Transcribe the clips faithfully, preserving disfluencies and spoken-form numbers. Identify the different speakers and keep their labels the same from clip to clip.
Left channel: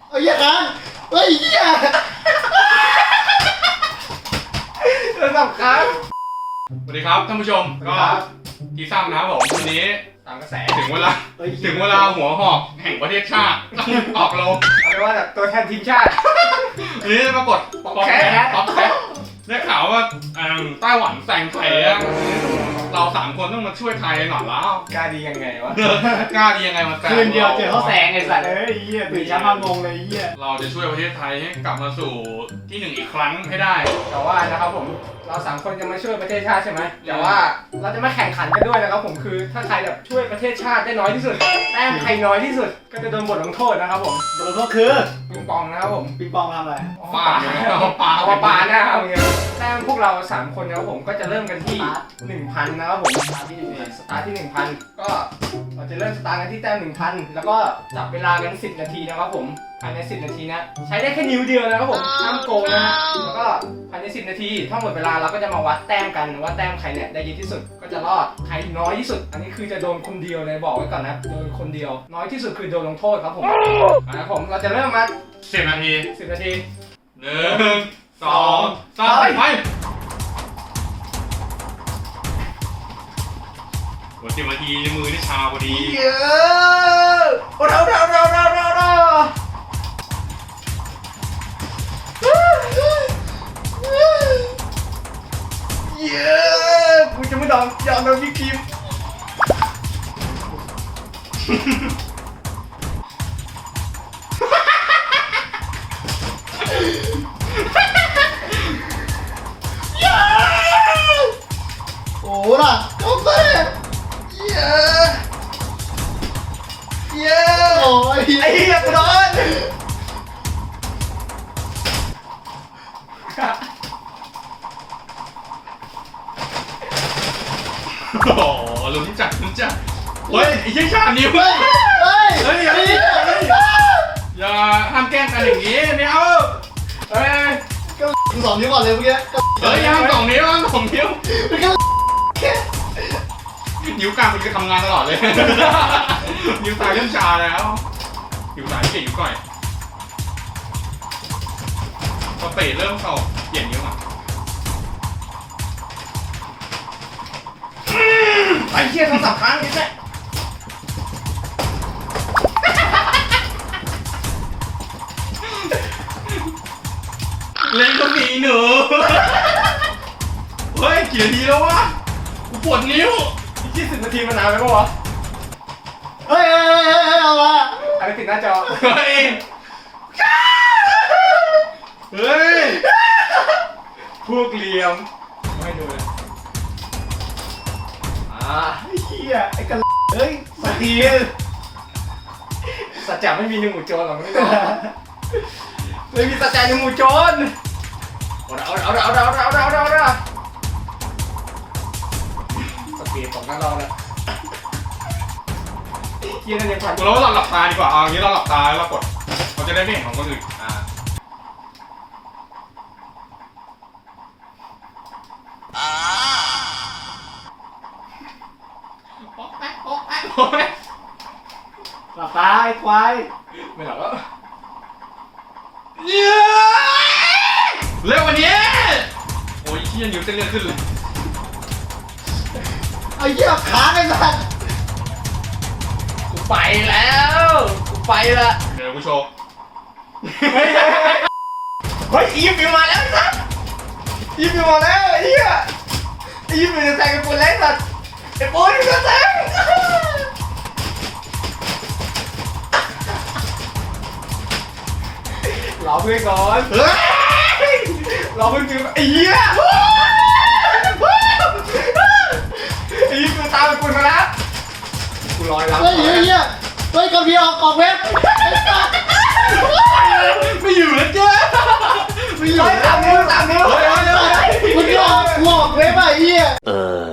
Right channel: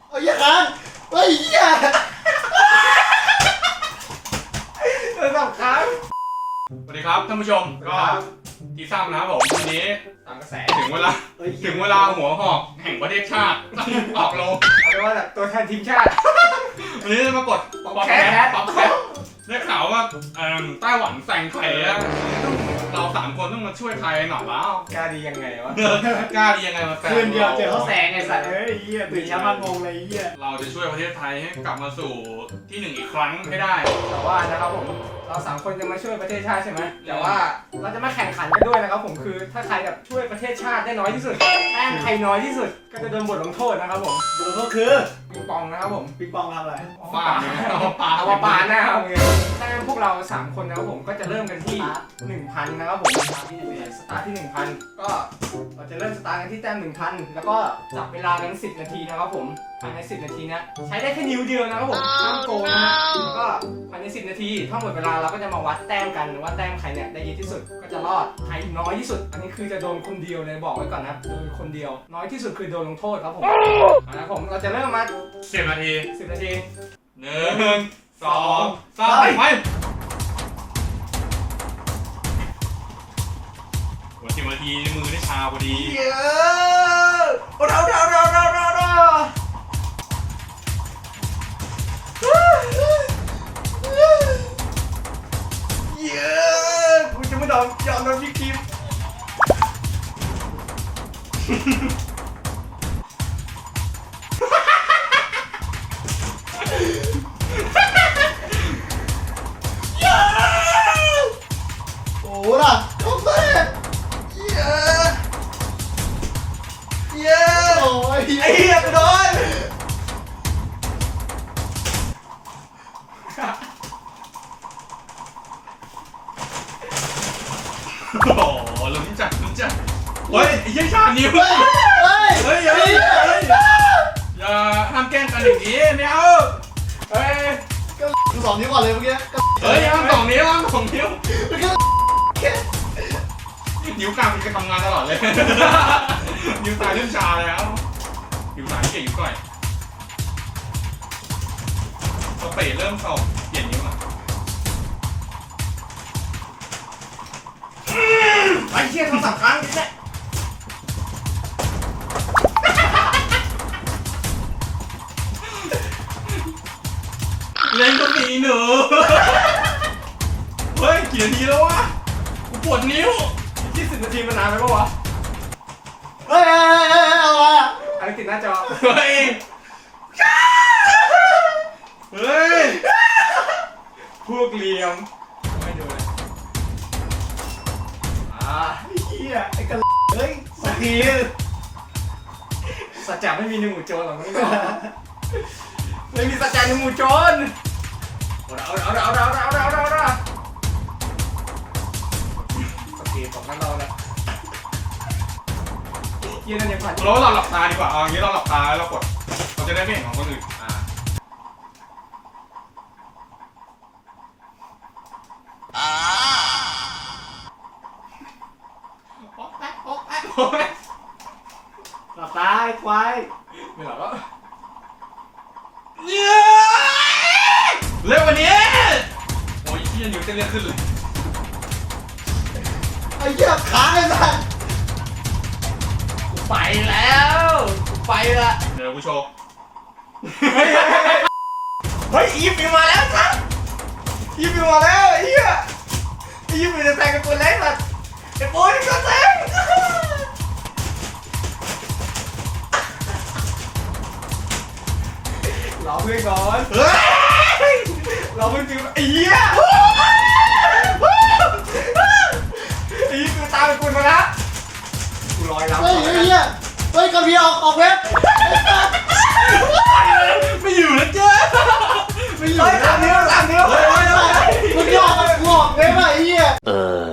Speaker 1: ไอ้เหี้ยค้างไอ้เหี้ยระดับค้าง
Speaker 2: สวัสดีครับท่านผู้ชมก็ทีซ้ำนะครับผมวันนี้
Speaker 1: ตามกระแส
Speaker 2: ถึงเวลาถึงเวลาหัวหอกแห่งประเทศชาติออกโรง
Speaker 1: เอาเป็นว่าแบบตัวแทนทีมชาติ
Speaker 2: วันนี้ปรากฏป๊อปแคทป๊อปแคทได้ข่าวว่าไต้หวันแซงไทยอะเราสามคนต้องมาช่วยไทยหน่อยแล้ว
Speaker 1: กล้าดียังไงวะ
Speaker 2: กล้าดียังไงมาแซง
Speaker 1: คืนเดียวเจอเขาแซงไอ้สัตว์เอ้ยเหี้ยตื่นเช้ามางงเลยเหี้ย
Speaker 2: เราจะช่วยประเทศไทยให้กลับมาสู่ที่หนึ่งอีกครั้งให้ได้
Speaker 1: แต่ว่านะครับผมเราสามคนจะมาช่วยประเทศชาติใช่ไหมแต่ว่าเราจะมาแข่งขันกันด้วยนะครับผมคือถ้าใครแบบช่วยประเทศชาติได้น้อยที่สุดแต้มใครน้อยที่สุดก็จะโดนบทลงโทษนะครับผมบทลงโทษคือปิงปองนะครับผมปิงปองทำอะไร
Speaker 2: ปาเอาปา
Speaker 1: เอาปาหน้าเอาเงี้ยแต้มพวกเราสามคนนะครับผมก็จะเริ่มกันที่ หนึ่งพัน นะครับผมสตาร์ทที่สตาร์ทที่ หนึ่งพัน ก็เราจะเริ่มสตาร์ทกันที่แต้ม หนึ่งพัน แล้วก็จับเวลากันสิบนาทีนะครับผมภายในสิบนาทีนะใช้ได้แค่นิ้วเดียวนะครับผมห้ามโกงนะฮะแล้วก็ภายในสิบนาทีถ้าหมดเวลาเราก็จะมาวัดแต้มกันว่าแต้มใครเนี่ยได้เยอะที่สุดก็จะรอดใครน้อยที่สุดอันนี้คือจะโดนคนเดียวเลยบอกไว้ก่อนนะโดนคนเดียวน้อยที่สุดคือโดนลงโทษครับผมนะครับผมเราจะเริ่มมา
Speaker 2: สิบนาที
Speaker 1: สิบนาที
Speaker 2: หนึ่งสองสามไปวันสิบนาทีมือได้ชาพอดี
Speaker 1: เยอะเราเราเราเราเราเราเยอะกูจะไม่ยอมยอมโดนพี่คิมโอ้ล่ะโอ้เซ่เยอะเยอะโอ้ยไอ้เหี้ยกูโดน
Speaker 2: โอ้โหลุ้นจัดลุ้นจัดเฮ้ยไอ้เชี่ยชานิ้วเฮ้ย
Speaker 1: เฮ้ย
Speaker 2: เฮ้ยอย่าอย่าห้ามแกล้งกันอย่างนี้ไม่เอา
Speaker 1: เฮ้ยก็สองนิ้วก่อนเลยเมื่อกี้
Speaker 2: เฮ้ยห้ามสองนิ้วห้ามสองนิ้วนิ้วกลางมันจะทำงานตลอดเลยนิ้วซ้ายเริ่มชาแล้วนิ้วซ้ายเก่งนิ้วก้อยพอเตะเริ่มเข้าเปลี่ยนนิ้วอ่ะ
Speaker 1: ไอ้เชี่ยเขาสำคัญนี่แหละ
Speaker 2: เล่นก็มีหนูเฮ้ยกี่นาทีแล้ววะกูปวดนิ้ว
Speaker 1: ยี่สิบนาทีมันนานไหมปะวะเฮ้ยเฮ้ยเฮ้ยเอาละอะไรติดหน้าจอ
Speaker 2: เฮ้ยเฮ้ย
Speaker 1: พวกเหลี่ยมไม่ดูเลยอ่าไอ้เหี้ยไอ้กันเฮ้ยสักทีสัจจะไม่มีหนึ่งหมู่โจรหรอกไม่รู้ไม่มีสัจจะหนึ่งหมู่โจรเอาเอาเอาเอาเอาเอาเอาเอาเอาโอเคผมก็รอแล้วเยี่ยนั่นยังผ่าน
Speaker 2: เราเราหลับตาดีกว่าเอาอย่างนี้เราหลับตาแล้วเรากดเราจะได้ไม่เห็นของคนอื่นอ่าโอ๊ะแป๊ะโอ๊ะแป๊ะโอ๊ะแป๊ะ
Speaker 1: หลับตาไอ้ควายไม่หลับแล้ว
Speaker 2: เร็ววันนี้โอ้ยที่ยังอยู่เต้นเรื่องขึ้นเลย
Speaker 1: ไอ้เหี้ยขาไอ้สัสกูไปแล้วกูไปละ
Speaker 2: เดี๋ยวกูโชว์
Speaker 1: เฮ้ยอีฟอยู่มาแล้วสัสอีฟอยู่มาแล้วไอ้เหี้ยไอ้อีฟอยู่จะแซงไอ้ปูนเล็กสัสไอ้ปูนจะแซงรอเพื่อนก่อนเฮ้ยรอเพื่อนคือไอ้เหี้ยไอ้เหี้ยกูตามไปกูมาแล้วกูลอยแล้วเฮ้ยเหี้ยเฮ้ยกระเพียออกออกเว็บ
Speaker 2: ไม่อยู่แล้วเจ้า
Speaker 1: ไม่อยู่ตามนิ้วตามนิ้วมึงยอมกูออกเว็บไอ้เหี้ยเออ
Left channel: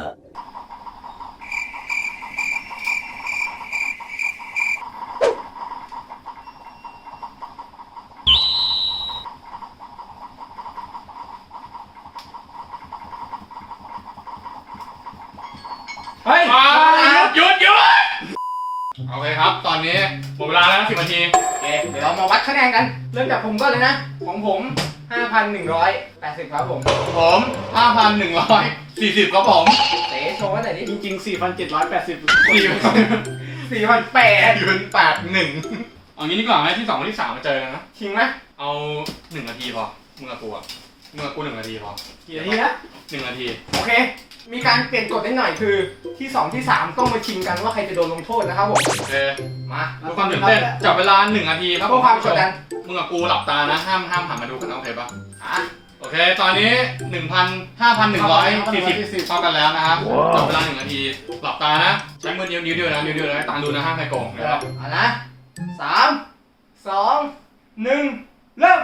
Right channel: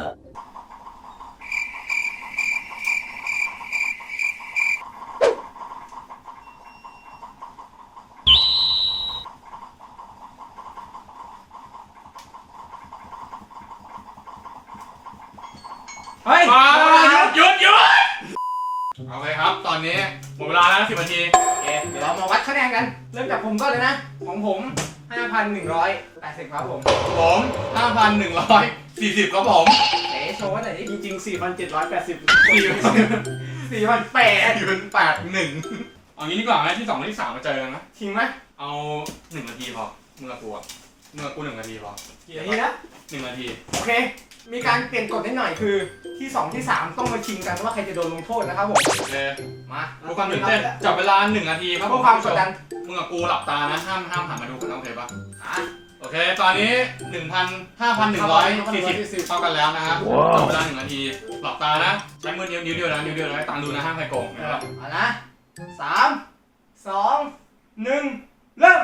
Speaker 2: เฮ้ยหยุดหยุดหยุดโอเคครับตอนนี้หมดเวลาแล้วสิบนาที
Speaker 1: เดี๋ยวเรามาวัดคะแนนกันเริ่มจากผมก่อนเลยนะของผม ห้าพันหนึ่งร้อยแปดสิบ ครับผม
Speaker 2: ผม ห้าพันหนึ่งร้อยสี่สิบ ครับผม
Speaker 1: เต๋โชว์หน่อยดิ
Speaker 3: จริงๆ สี่พันเจ็ดร้อยแปดสิบ
Speaker 2: สี่
Speaker 1: สี่พันแปด
Speaker 2: พันแปดหนึ่งเอางี้ดีกว่าไหมที่สองที่สามมาเจอกันนะ
Speaker 1: จริงไหม
Speaker 2: เอาหนึ่งนาทีพอมึงกับกูอะมึงกับกูหนึ่งนาทีพอ
Speaker 1: กี่นาทีนะ
Speaker 2: หนึ่งนาที
Speaker 1: โอเค มีการเปลี่ยนกฎนิดหน่อยคือที่สองที่สามต้องมาชิงกันว่าใครจะโดนลงโทษนะครับผม
Speaker 2: โอเค
Speaker 1: มา
Speaker 2: ดูความตื่นเต้นจับเวลาหนึ่งนาทีครับ
Speaker 1: เพื่อความกดดัน
Speaker 2: มึงกับกูหลับตานะห้ามห้ามหันมาดูกันนะโอเคปะ
Speaker 1: อ่ะ
Speaker 2: โอเค ตอนนี้ หนึ่งพันห้าพันหนึ่งร้อยสี่สิบ เท่ากันแล้วนะครับจับเวลาหนึ่งนาที หลับตานะ ใช้มือนิ้วนิ้วเดียวนะนิ้วเดียวนะตามดูนะห้ามใครโกงนะครับ
Speaker 1: เอานะสามสองหนึ่งเริ่ม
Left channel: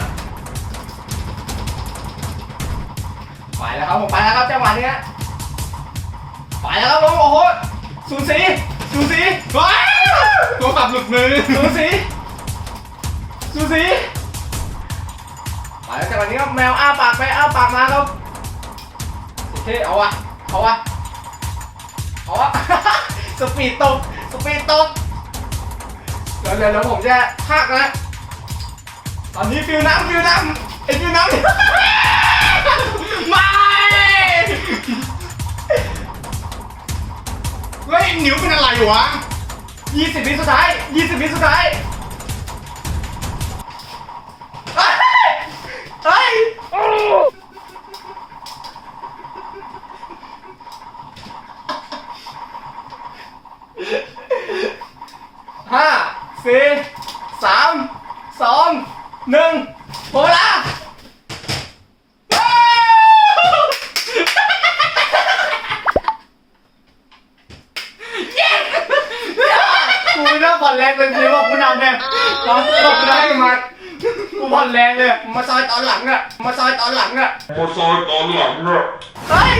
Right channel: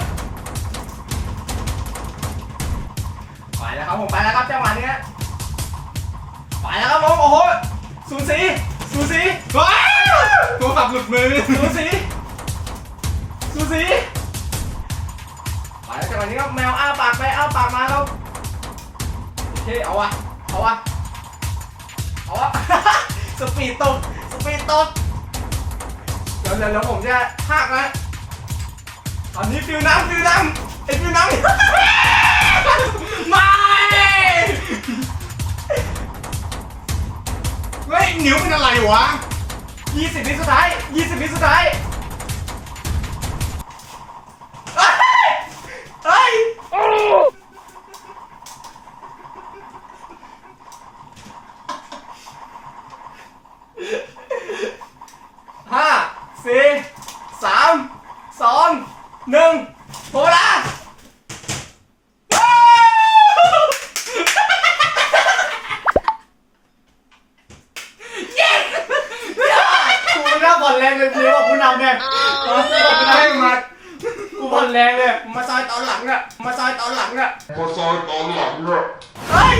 Speaker 1: ไปแล้วครับผมไปแล้วครับจังหวะนี้ฮะไปแล้วครับผมโอ้โหสูสีสูสี
Speaker 2: ว้าวตัวขับหลุดมือ
Speaker 1: สูสีสูสีไปแล้วจังหวะนี้ครับแมวอ้าปากไปอ้าปากมาครับโอเคเอาวะเอาวะเอาวะ สปีดตกสปีดตกเดี๋ยวเดี๋ยวเดี๋ยวผมจะพากนะตอนนี้ฟิวน้ำฟิวน้ำไอ้ฟิวน้ำ
Speaker 2: ไม่เฮ้ยนิ้วเป็นอะไรอยู่วะ
Speaker 1: ยี่สิบวิสุดท้ายยี่สิบวิสุดท้ายเฮ้ยเฮ้ยห้าสี่สามสองหนึ่งโหละกูไม่น่าผ่อนแรงเลยพี่ว่ากูนำเนี่ยตอนตกได้มากูผ่อนแรงเลยมาซอยตอนหลังอะมาซอยตอนหลังอะ
Speaker 4: มาซอยตอนหลังอะ
Speaker 1: เฮ้ย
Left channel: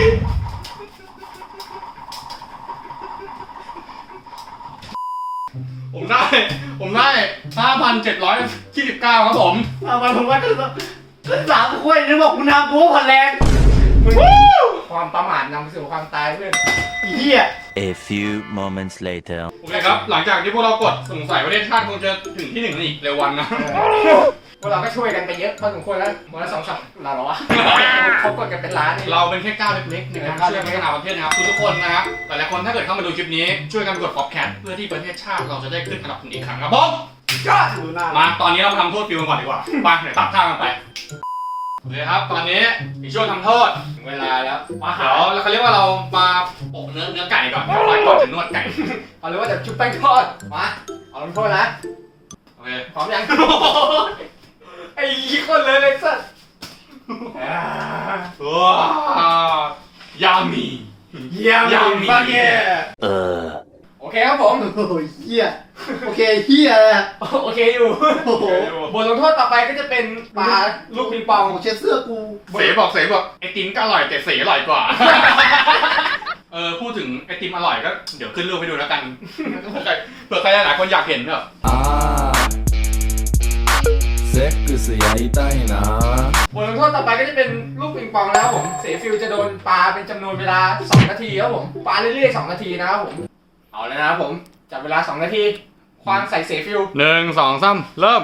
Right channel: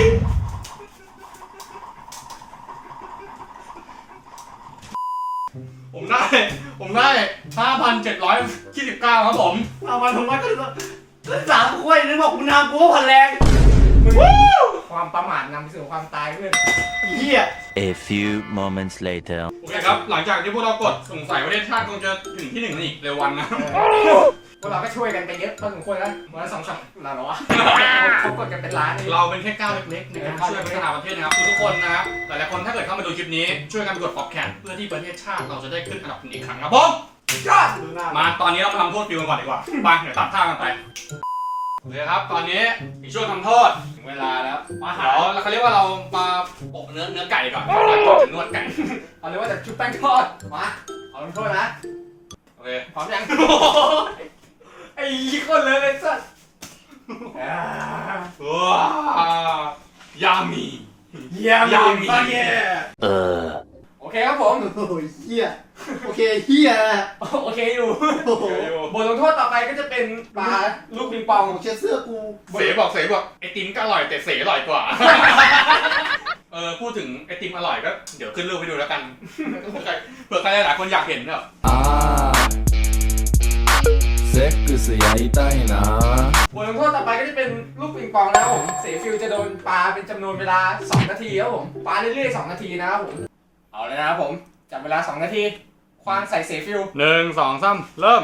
Speaker 2: ผมได้ ผมได้ ห้าพันเจ็ดร้อยยี่สิบเก้า ครับผม
Speaker 3: เอามาผมว่าก็ก็สามคุยนึกบอกคุณทำกูผ่อนแรง
Speaker 1: ความประมาทนำไปสู่ความตายเพื่อน
Speaker 3: เฮีย
Speaker 5: A few moments later.
Speaker 2: โอเคครับ หลังจากที่พวกเรากดสงสัยประเทศชาติคงจะถึงที่หนึ่งอีกเร็ววันนะ
Speaker 1: พวกเราก็ช่วยกันไปเยอะพอสมควรแล้ววันละสองสามล้านหรอวะเขากดกันเป็นล้านนี่
Speaker 2: เราเป็นแค่ก้าวเล็กๆในการช่วยพัฒนาประเทศนะครับทุกๆคนนะครับแต่ละคนถ้าเกิดเข้ามาดูคลิปนี้ช่วยกันกด ป๊อปแคท เพื่อที่ประเทศชาติเราจะได้ขึ้นอันดับหนึ่งอีกครั้งครับผม
Speaker 1: ยอด
Speaker 3: ดูหน้า
Speaker 2: มาตอนนี้เรามาทำโทษฟิวกันก่อนดีกว่าไปเดี๋ยวตัดท่ากันไปโอเคครับตอนนี้อีกช่วงทำโทษถึงเวลาแล้วมาเดี๋ยวเราเขาเรียกว่าเรามาโปะเนื้อเนื้อไก่ก่อนแล้วก่อนจะนวดไก่
Speaker 1: เอาเลยว่าจะชุบแป้งทอดมาเอาลงโทษนะ
Speaker 2: โอเค
Speaker 1: พร้อมยังไอ้ยี่คนเลยเลยสัส
Speaker 2: ว้าวยามี
Speaker 3: เยี่ยม
Speaker 2: ยาวมี
Speaker 3: ฟังเย่
Speaker 5: Uh.
Speaker 1: โอเคครับผม
Speaker 3: โอ้ยเฮียโอเคเฮีย
Speaker 1: โอเคอยู่
Speaker 3: โอ้โห
Speaker 1: บทลงโทษต่อไปก็จะเป็นปลาลูกปิงปอง
Speaker 3: เช็ดเสื้อกู
Speaker 2: เสบอกเสบอกไอติมก็อร่อยแต่เสอร่อยกว่า เออพูดถึงไอติมอร่อยก็เดี๋ยวขึ้นรูปให้ดูแล้วกันเผื่อใครเผื่อใครหลายคนอยากเห็นเนอะ
Speaker 6: あーセックスやりたいな
Speaker 1: บทลงโทษต่อไปก็จะเป็นลูกปิงปองนะครับผมเสฟิลจะโดนปลาเป็นจำนวนเวลาสองนาทีครับผมปลาเรื่อยๆสองนาทีนะครับผมเอาเลยนะครับผมจับเวลาสองนาทีควางใส่เสฟิล
Speaker 2: หนึ่งสองสามเริ่ม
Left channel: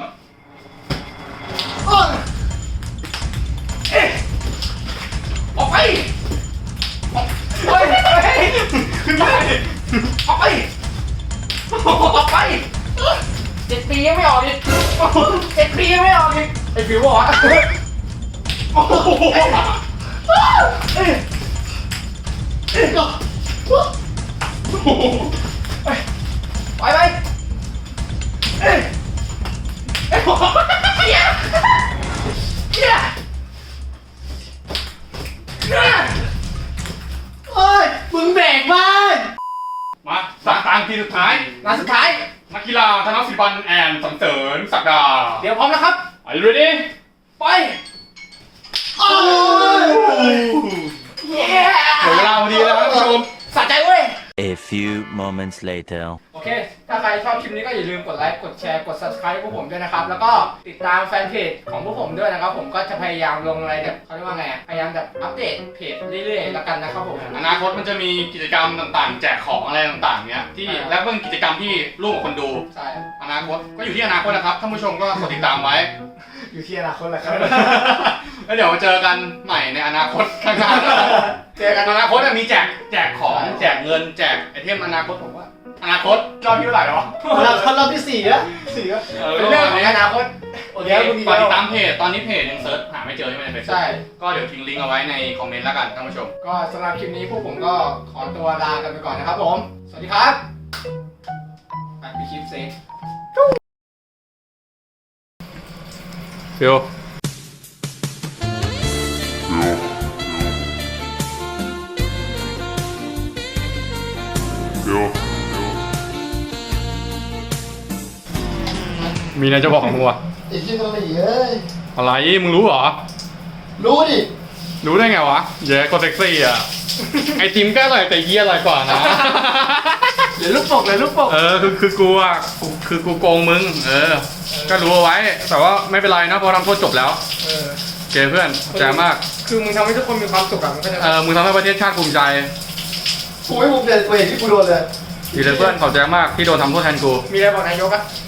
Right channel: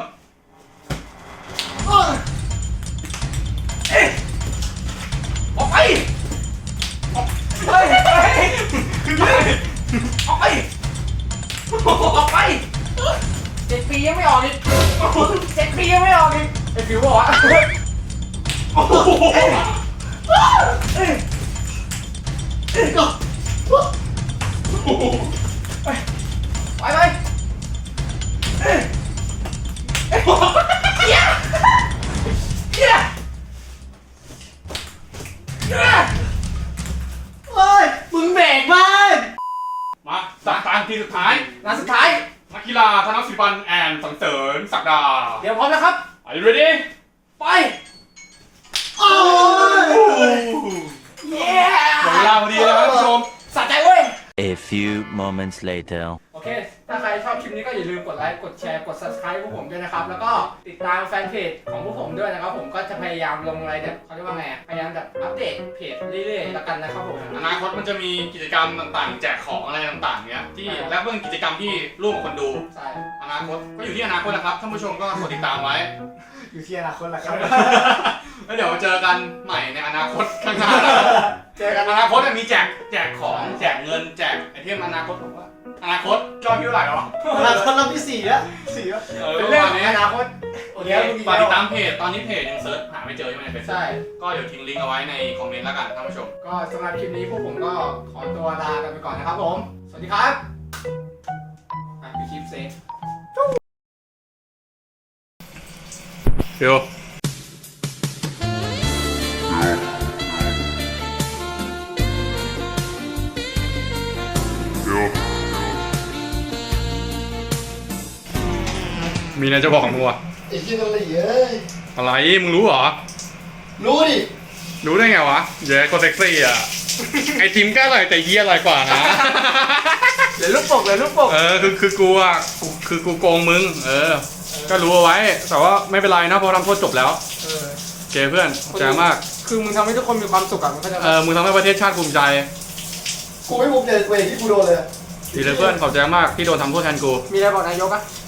Speaker 1: เอ๊ะออกไปออกเฮ้ยเฮ้ยขึ้นไปออกไปออกไปเจ็ดปียังไม่ออกอีกเจ็ดปียังไม่ออกอีกไอ้ฟิวบอกว่าโอ้โหเอ้ยเอ้ยก็ไปไปเอ้ยเอ้ยเฮียเฮียเฮีย
Speaker 3: เฮ้ยมึงเบรกบ้าง
Speaker 2: มาสามตางทีสุดท้าย
Speaker 1: งานสุดท้าย
Speaker 2: นักกีฬาธนศิลปันแอนสังเสริญศักดา
Speaker 1: เดี๋ยวพร้อมนะครับ
Speaker 2: Are you ready
Speaker 1: ไป
Speaker 3: โอ้ย
Speaker 1: เย้
Speaker 2: หมดเวลาพอดีแล้วครับท่านผู้ชม
Speaker 1: สะใจเว้ย
Speaker 5: A few moments later.
Speaker 2: โอ
Speaker 1: โอเค ถ้าใครชอบคลิปนี้ก็อย่าลืมกดไลค์ กดแชร์ กด subscribe พวกผมด้วยนะครับ แล้วก็ติดตามแฟนเพจของพวกผมด้วยนะครับ ผมก็จะพยายามลงอะไรแบบเขาเรียกว่าไงอะพยายามแบบอัปเดตเพจเรื่อยๆแล้วกันนะครับผม
Speaker 2: อนาคตมันจะมีกิจกรรมต่างๆ แจกของอะไรต่างๆเนี้ยที่และเป็นกิจกรรมที่ร่วมกับคนดู
Speaker 1: ใช่
Speaker 2: อนาคตก็อยู่ที่อนาคตนะครับท่านผู้ชมก็กดติดตามไว้
Speaker 1: อยู่ที่อนาคตแหละครับ
Speaker 2: แล้วเดี๋ยวมาเจอกันใหม่ในอนาคตข้างหน้า
Speaker 1: เจอกัน
Speaker 2: อนาคตจะมีแจกแจกของแจกเงินแจกไอเทมอนาคตผมว่า อนาคตรอบที่เท่าไหร่แล้ววะ
Speaker 3: เราทำรอบที่สี่แล้ว
Speaker 1: สี่ก็
Speaker 2: เออ
Speaker 1: เป็นเรื่องของอนาคต
Speaker 2: โอเคฝากติดตามเพจตอนนี้เพจยังเซิร์ชหาไม่เจอใช่ไหมในเฟซ
Speaker 1: ใช่
Speaker 2: ก็เดี๋ยวทิ้งลิงก์เอาไว้ในคอมเมนต์แล้วกันท่านผู้ชม
Speaker 1: ก็สำหรับคลิปนี้พวกผมก็ขอตัวลากันไปก่อนนะครับผม สวัสดีครับไปไปคลิปเซ็ก
Speaker 2: ฟิว มีอะไรจะบอกของมึงวะ
Speaker 3: ไอ้ที่มันไม่เยอะ
Speaker 2: อะไร มึงรู้เหรอ
Speaker 3: รู้ดิ
Speaker 2: รู้ได้ไงวะเย้คนเซ็กซี่อ่ะ ไอจิมก็อร่อยแต่เฮียอร่อยกว่านะ
Speaker 1: เดี๋ยวลูกปกเดี๋ยวลูกปก
Speaker 2: เออคือคือกูอ่ะกูคือกูโกงมึง เออ ก็รู้เอาไว้ แต่ว่าไม่เป็นไรนะเพราะทำโทษจบแล้ว
Speaker 1: เออ
Speaker 2: โอเคเพื่อนขอบใจมาก
Speaker 1: คือมึงทำให้ทุกคนมีความสุขอะมึงก็จะ
Speaker 2: เออ มึงทำให้ประเทศชาติภูมิใจ
Speaker 3: กูไม่ภูมิใจตัวเองที่กูโดนเลย
Speaker 2: ดีเลยเพื่อนขอบใจมากที่โดนทำโทษแทนกู
Speaker 1: มีอะไรบอกนายกอะ